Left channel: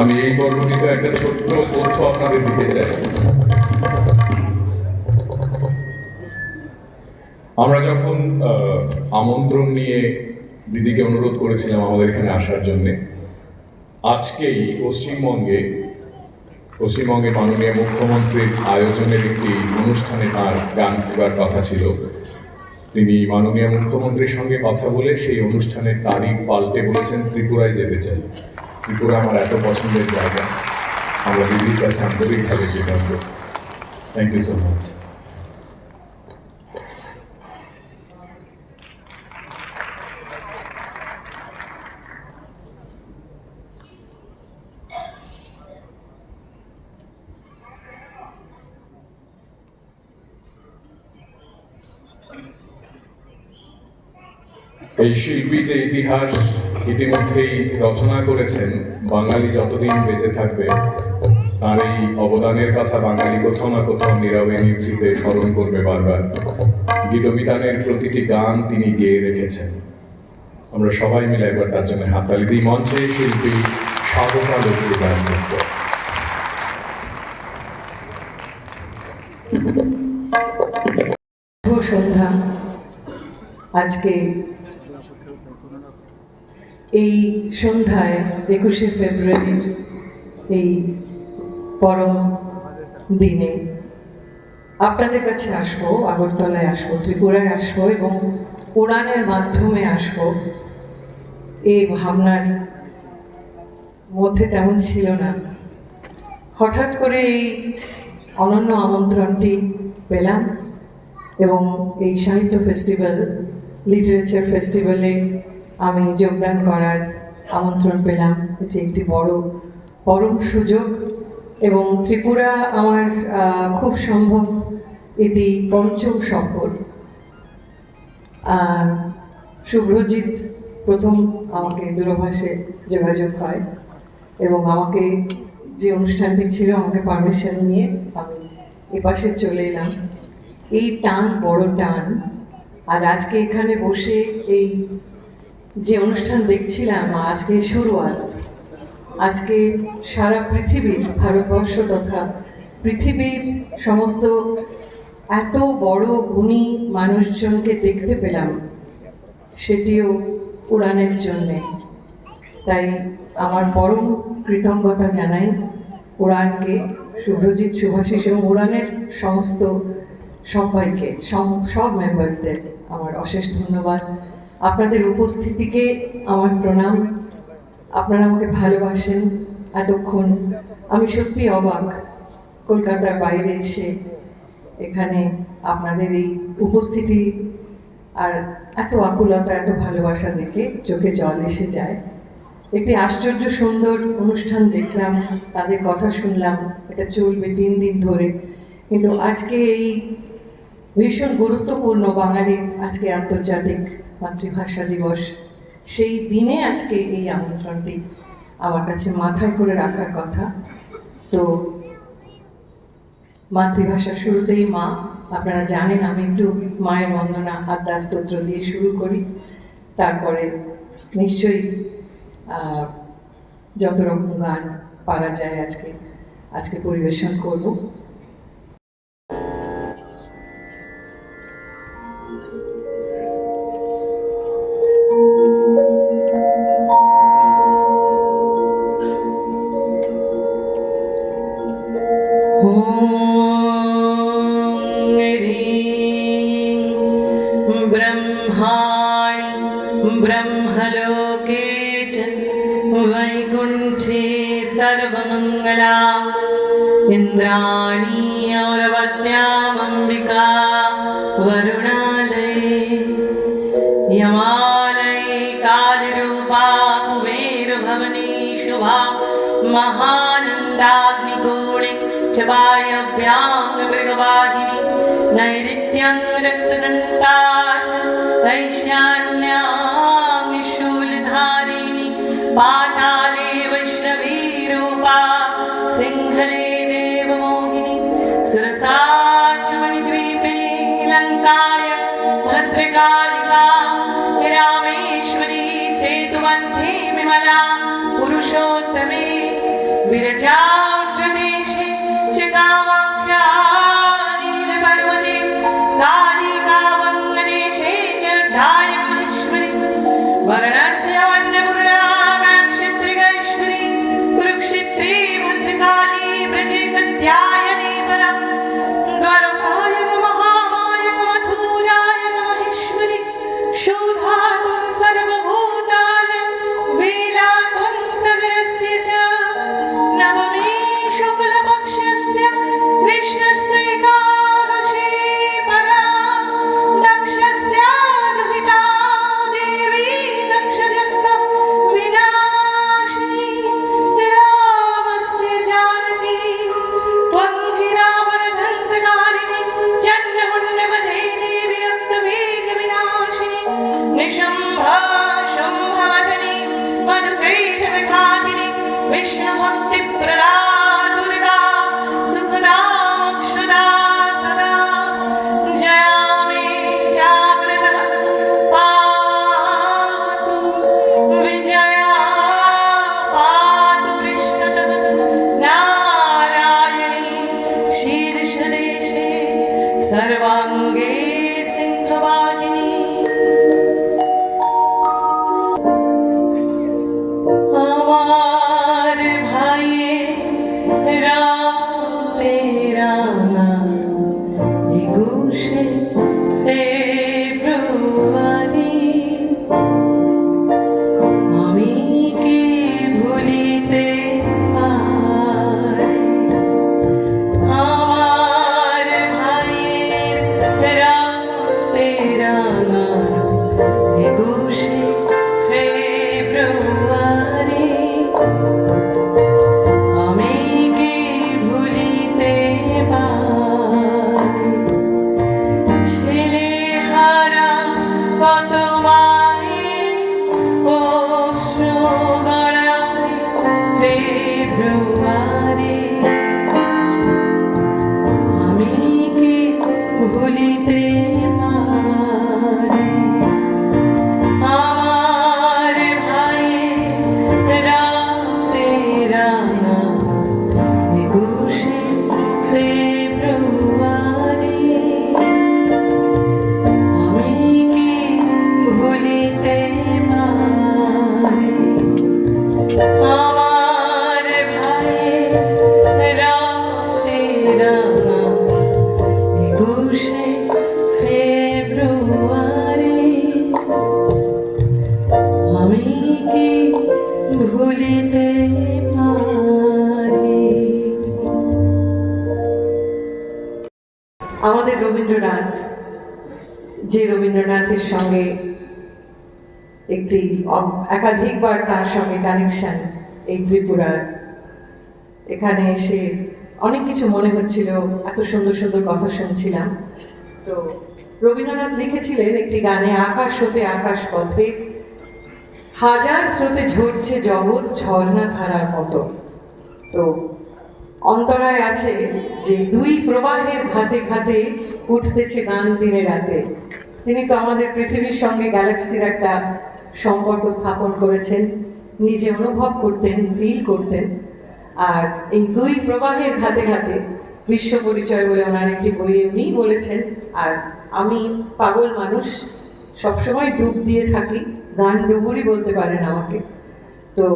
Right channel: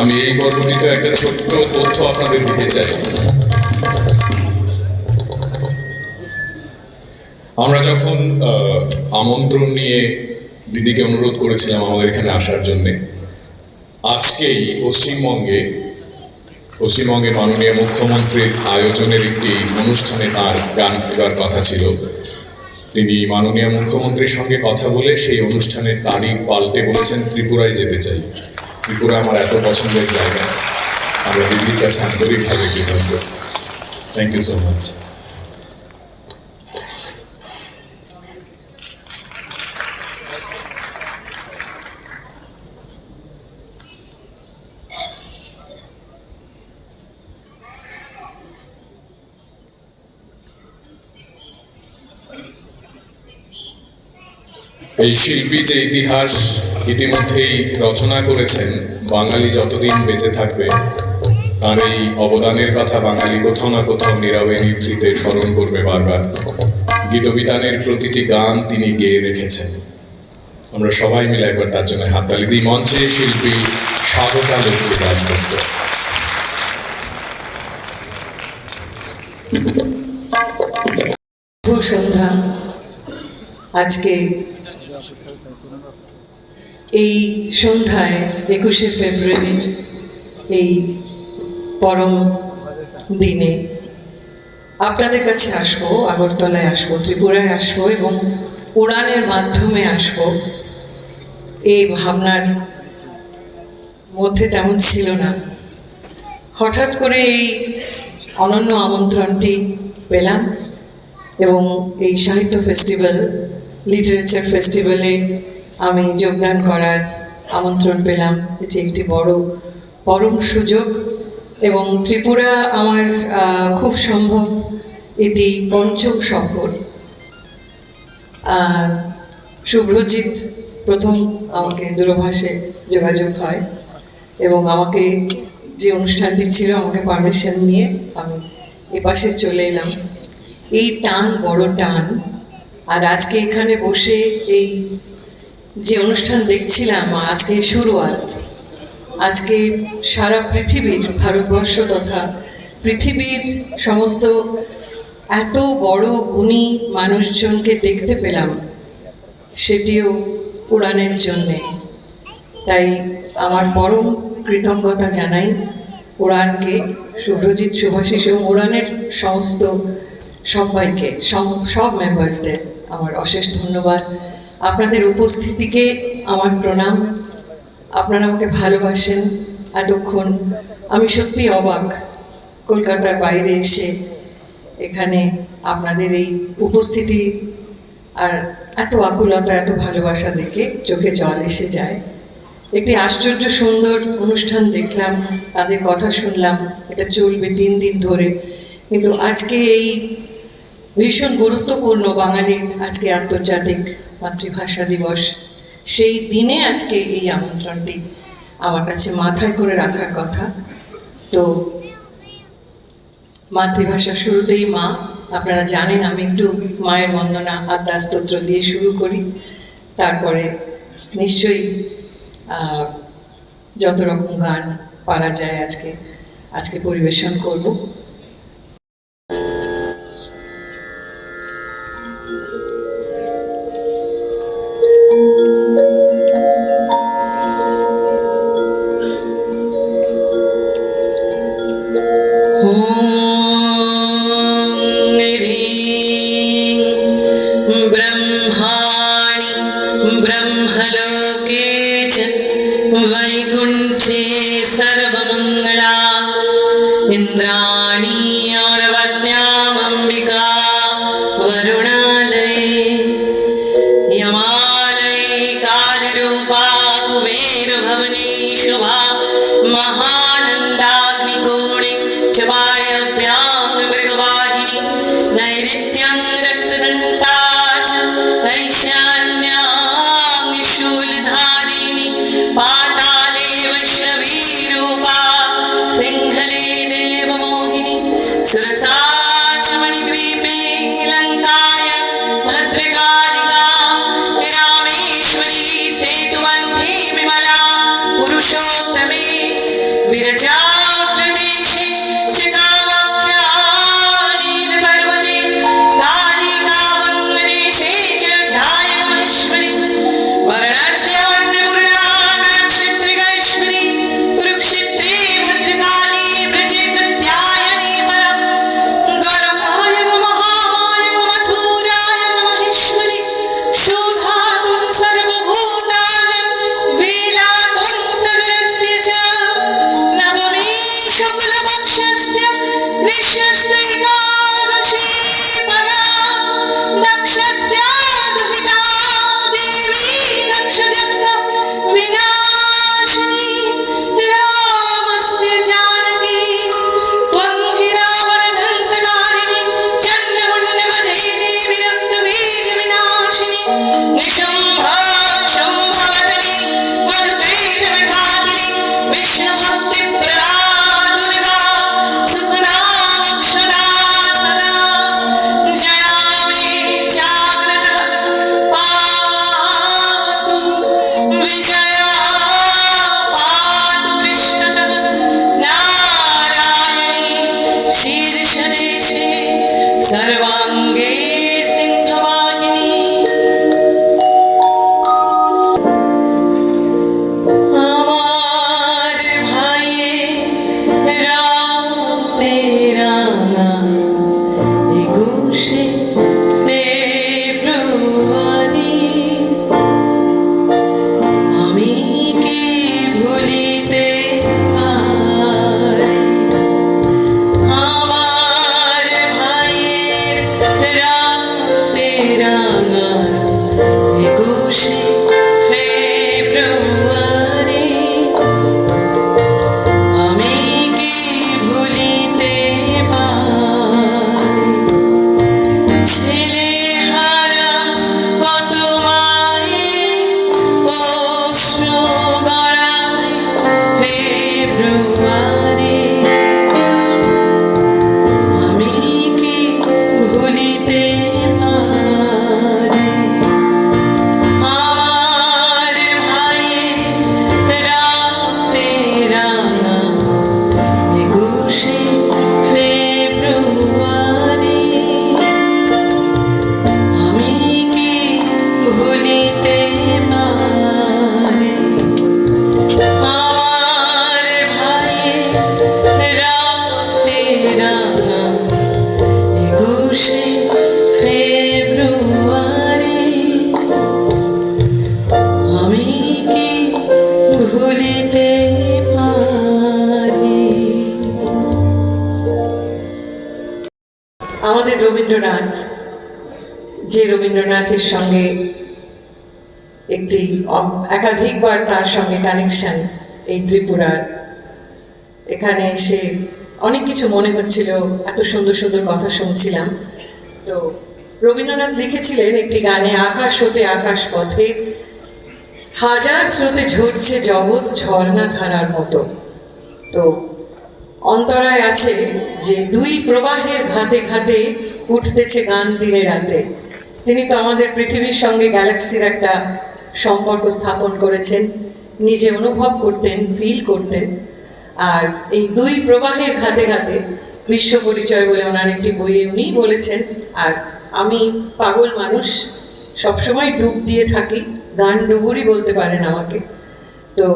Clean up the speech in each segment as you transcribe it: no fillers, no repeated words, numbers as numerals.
আমি এই পর্বটিতে একটা ছোট্ট তথ্য আপনাদের দিতে চাই। আমরা যখন আমন্ত্রণ নিয়ে দিদিকে অনুরোধ করেছিলাম আমাদের এখানে আসার জন্যে, আজকেই পশ্চিমবঙ্গের মাননীয় মুখ্যমন্ত্রীর আয়োজনের একটি অনুষ্ঠানে তার গান গাওয়ার কথা ছিল। তিনি মাননীয় মুখ্যমন্ত্রীর সঙ্গে কথা বলে সেই অনুষ্ঠানের তারিখ পাল্টে বলেছেন ত্রিপুরায় যেতে চাই। ত্রিপুরা আমার এত পছন্দের জায়গা, আমরা দিদির কাছে আন্তরিকভাবে কৃতজ্ঞ। Thank you so much. এই শিল্পী যে ইতিহাস ইতিমধ্যেই রচনা করেছেন, বাঙালি যতদিন বেঁচে থাকবে তার এই অবদানের কথা বাঙালি কোথাও না কোথাও নীরবে নিভৃতে স্মরণ করবে বারবার। গীতবিতানের প্রতিটি গান তিনি গেয়ে রেখেছেন। আমরা সবাই মিলে একবার তার জন্য হাততালি দিই। মঞ্চে শিল্পী স্বাগতা লক্ষ্মী দাশগুপ্ত। শুভ সন্ধ্যা। আজকে এই সন্ধ্যায় 21শে ফেব্রুয়ারির এই পরম দিনে আপনাদের কাছে আসবো, আগরতলায় আসবো, ত্রিপুরায় আসবো এবং উড়ানের মাধ্যমে আসবো। এই ভাবনার মধ্যে তেমন ছিল না, হঠাৎ করে এই অনন্য আমন্ত্রণটি পেলাম এবং এই সাহিত্য ফেস্টিভ্যাল, লিটারেচার ফেস্টিভ্যালে আমি যোগদান করার আমন্ত্রণ পেলাম। এটি একটি বড় পরম সুযোগ এবং ত্রিপুরা আমার খুব সম্ভব এটি পঞ্চম সফর। শুভ্রজিৎ প্রথম আমাকে দূরভাষে যোগাযোগ হয় এবং আমাকে যে অনুষ্ঠানটি ছিল আমাকে পারমিশন নিয়ে আমি এপাশে চলে এলাম। এই টান বড় টান, আর আজকে এখানে বসে এই যে অনুষ্ঠান দেখছিলাম, আজকে শুরুয়াত, আজকে সারা পৃথিবীর, ভারতবর্ষ তথা পৃথিবীর সমস্ত এত বড় গুণী মানুষজনকে দেখতে পেলাম, সেটিও উড়ানের জন্যে। তাই আমার পরম কৃতজ্ঞতা জানাই উড়ানকে, শুভ্রজিৎ, শুভাশিস এবং উড়ানের সমস্ত সবাইকে, সব মেম্বার্সদের আমার অশেষ ধন্যবাদ। আপনাদের উপস্থিতিকে আমার প্রণাম। আপনারা আমাকে ভালোবাসেন এতক্ষণ। আমি সত্যি অবাক, কলকাতার বাইরে এসে এখানে আপনাদের এই উপস্থিতি আর এত আকুলতা, এত ভালোবাসা দেখে চোখে জল এসে যায়। একটি আশ্চর্য সুন্দর অনুষ্ঠান দেখলাম, তাদের কথা শুনলাম, এটা চলবে 3 দিন ধরে। কিন্তু আজকে এই ভীষণ গুরুত্বপূর্ণ বাঙালির আজকে আন্তর্জাতিক মাতৃভাষা দিবস, সেই দিনে আজকে এই আমন্ত্রণটি আমার কাছে মাথায় করে রাখার কথা। তো মাতৃভাষা শুরুতেই মা, আপনারা জানেন আমি একটু মায়ের বন্দনা আদ্যা স্তোত্র দিয়ে শুরু করি, তারপরে নিশ্চয়ই যত রকম গান পারা যায় আজকে পরিবেশন করব। ब्रह्माणि ब्रह्मलोके च वैकुण्ठे सर्वमङ्गला इन्द्राणी अमरवत्यामम्बिका वरुणालये यमालये कालरूपा कुबेरभवने शुभा महानन्दाग्निकोणे च वायव्यां मृगवाहिनी नैऋत्यं रक्तदन्ता च ऐशान्यां शूलधारिणी पाताले वैष्णवीरूपा सिंहले देवमो রবীন্দ্রনাথ, যে রবীন্দ্রনাথের সঙ্গে একটি একাধিকবার তার সঙ্গে কানেকশন এই ত্রিপুরার, এখানে এসে অনেক কিছু মনে হচ্ছিল, এত সুন্দর সুন্দর কথা শুনছিলাম। তো রবীন্দ্রনাথ লিখেছিলেন একটি গানে, আকাশ হতে আকাশ পথে হাজার স্রোতে ঝরছে জগৎ ঝর্ণা ধারার মতো। তো অন্তরায় আছে যে দুই প্রবাহের ঘাতে ঘাতে উঠতেছে গান দিনে রাতে। তিনি তো আমাদের পৃথিবীর সঙ্গে গ্যালাক্সির একটা সম্পর্ক স্থাপন করেছেন, নিজে অনুভব করতেন, ফিল করতেন। আর এই দুই প্রবাহের ঘাতে ঘাতে বিশ্ব পরিচয় বলে ওনার একটি বইয়ে উনি বলেছেন। আর আমি পাগল মানুষ, সবসময় ডুব দিয়ে থাকি, গান ডুবুরি বলতে পারেন আমাকে। তো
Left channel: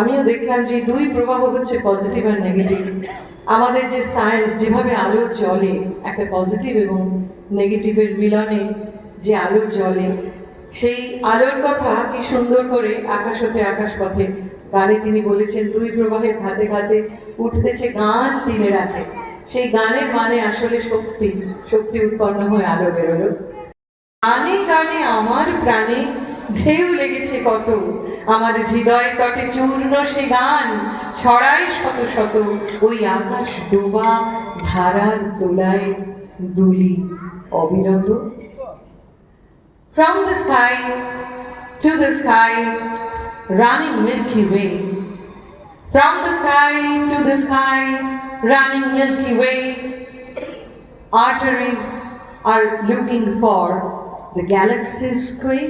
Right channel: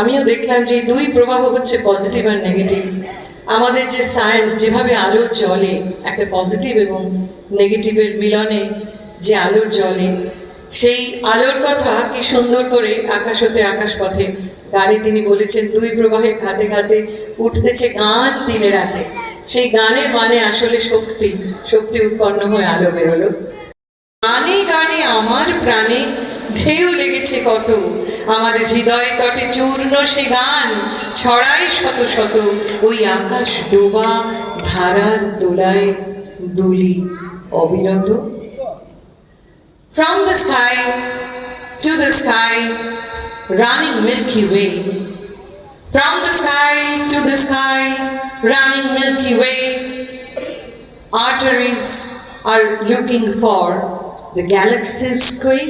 আমিও দেখলাম যে দুই প্রবাহ হচ্ছে পজিটিভ আর নেগেটিভ। আমাদের যে সায়েন্স যেভাবে আলো জ্বলে, একটা পজিটিভ এবং নেগেটিভের মিলনে যে আলো জ্বলে, সেই আলোর কথা কি সুন্দর করে আকাশ হতে আকাশ পথে গানে তিনি বলেছেন, দুই প্রবাহের ঘাতে ঘাতে উঠতেছে গান দিনে রাতে। সেই গানের মানে আসলে শক্তি, শক্তি উৎপন্ন হয়ে আলো বেরোলো। গানে গানে আমার প্রাণে ঢেউ লেগেছে কত, আমার হৃদয় তটে চূর্ণ সে গান ছড়ায় শত শত, ওই আকাশ ডোবা ধারার দোলায় দুলি অবিরত। From the sky to the sky, running Milky Way. From the sky to the sky, running Milky Way. Arteries are looking for the galaxy's quay.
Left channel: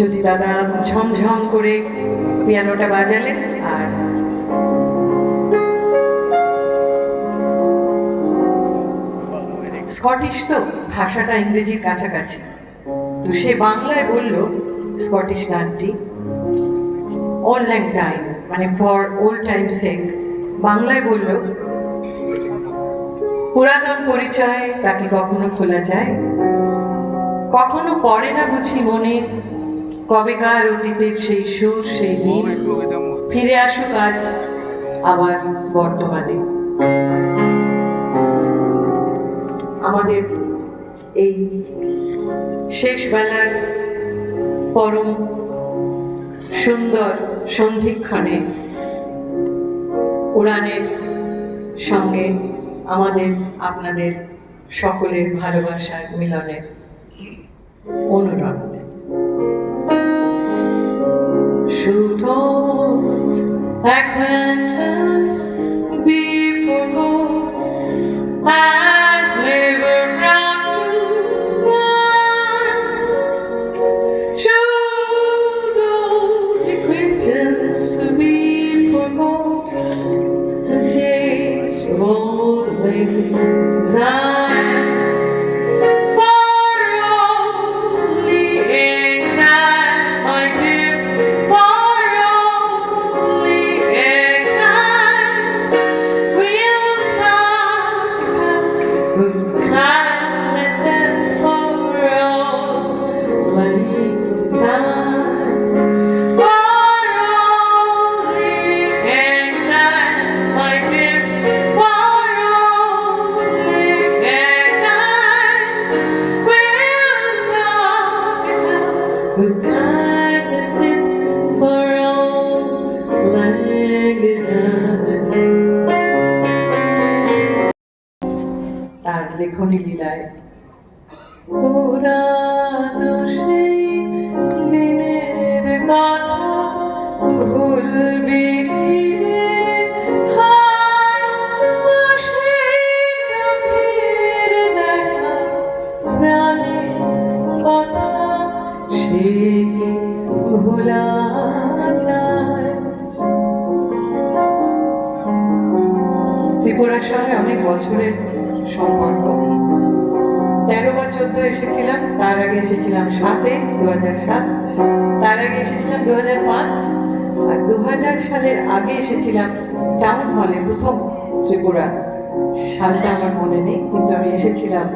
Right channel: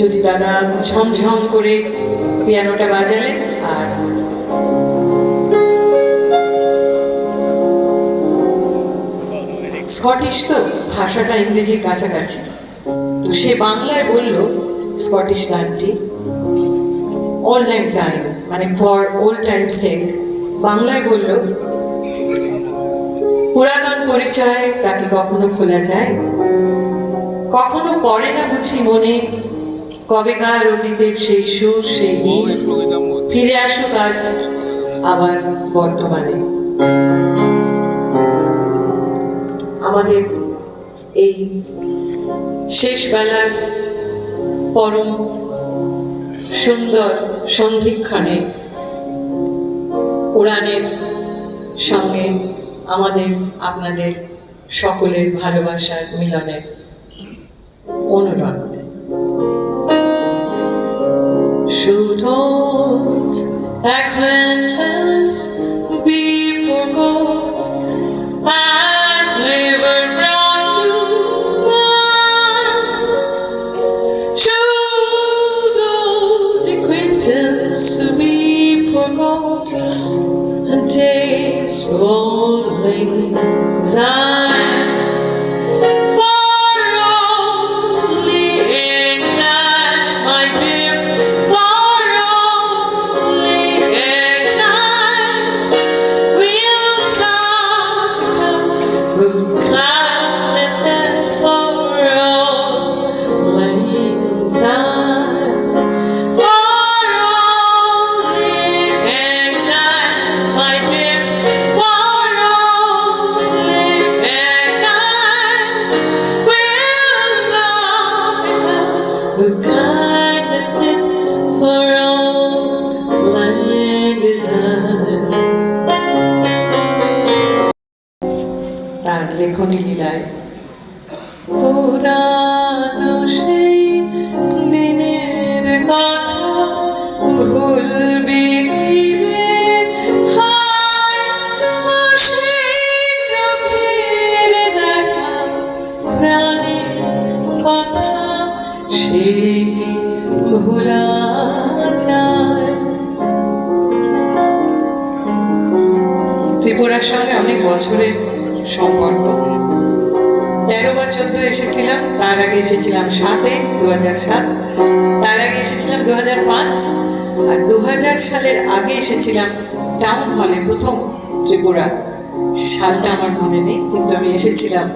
যদি দাদা ঝমঝম করে পিয়ানোটা বাজালেন, আর স্কটিশ তো ভাষাটা ইংরেজির কাছাকাছি, তো সে বাংলায় বলল স্কটিশ গানটি অল ল্যাং সাইন, মানে ফর ওল্ড টাইম সেক। বাংলায় বলল, পুরাতন পরিচয় তাকে কখনো খোলা যায়, কখনো পড়ে না বুঝি মনে, কবেকার অতীতের সেই সুর সেই দিন ফিরে আসুক আজ আবার বর্তমানে। আমাদের এই শেষ বেলার পরম সুন্দর সন্ধিক্ষণে উড়ানের সঙ্গে আমাদের আপনাদের সকলের ভালোবাসার মিলনের অনুরোধ। Should old acquaintance be forgot and never brought to mind? Should old acquaintance be forgot and days of old lang syne? Her kindness is for all lang syne. তার লেখনী লীলায় পুরানো সেই দিনের কথা ভুলবে কি রে হায়, সেই চোখের দেখা প্রাণের কথা সে কি ভোলা যায়? ত্রিপুরার সঙ্গে অনেক বছরের সম্পর্ক, 13 বা 14 এসেছিলাম, তার আগে এসেছিলাম 2007, তার আগে এসেছিলাম 2005, আর 2000 সালের আগে এসেছিলাম টাউন হলে প্রথম ত্রিপুরা। সালটা আমার মনে নেই, কিন্তু আমি এসেছিলাম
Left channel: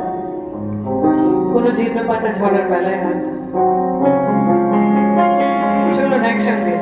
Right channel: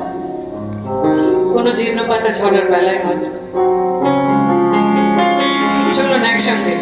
কোনো জীর্ণ পাতা ঝরার বেলায় হয়তো। চলুন একসঙ্গে